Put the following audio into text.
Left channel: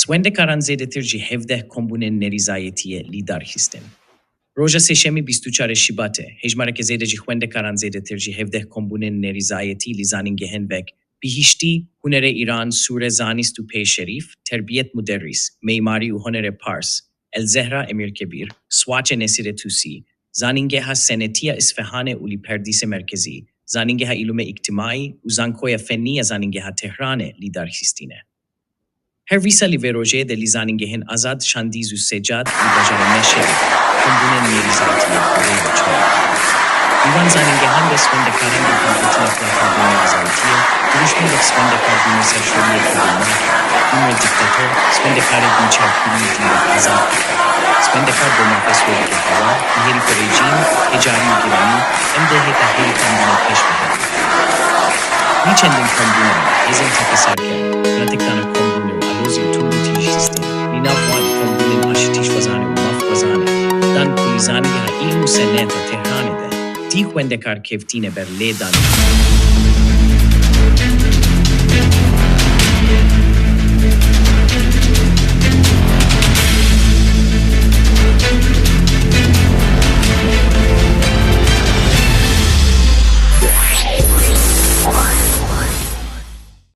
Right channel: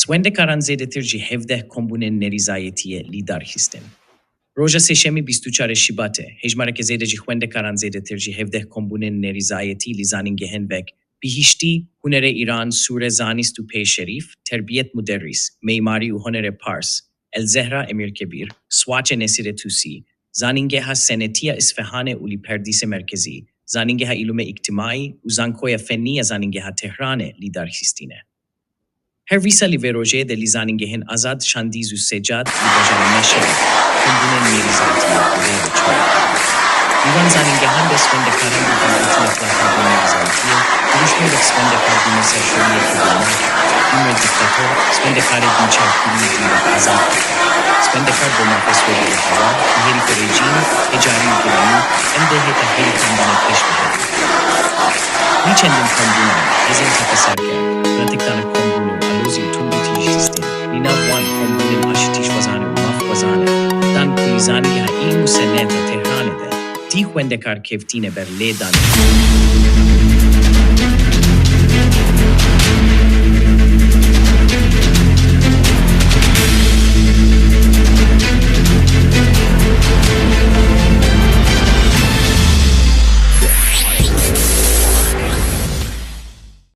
Xwendekaran zêdetir jî 17 kombûnên nerizayetiyê lidar xistin. Roja sêşemî 24 Şibatê, hejmareke zêde jî xwendekaran zêdetir jî 17 kombûnên nerizayetî li zanîngehên vek bihîştî, hunerê Îran, sûre zanîst û pêşerîf, terbiyet muderrîs, meîmarî û hunerê Pars, El-Zehra Emirkebîr, Swaçê Nesîrê Tûsî, zanîngeha senetiya İsfahanê û li perdîsê merkezî, zanîngeha îlûmê îctimaî û zankoya fennî ya zanîngeha Tehranê lidar xistîne. Her vîsa li vê rojê de li zanîngehên azad, şandîz û secad li bajara meşe kombûnên nerizayetiyê birê ve çolê. Divan zanîngehan de Xwendekaran û hîlatina plakardên nerizayetiyê, duruşmê vek Xwendekar dînê serşoriyê kurdînak, û diktatör Xwendekarê dînçavkirî dîn azad dike. Xwendekar bo mafeswêrî heva, herîfe rejîm, hecarî û giranî, em de hêta herî kombûnê pêş bihêle. Nî çendin kombûnan, hêzên tepeserker, pratikdana kombûnê û alozî û tûmbûtî xistin, li nav wan kombûnên aşitîş wezanê û maf wezanê, dan ku li zanîngeha îlm û seneta Tehranê de, dî xwendekar kevtîne ber lê danî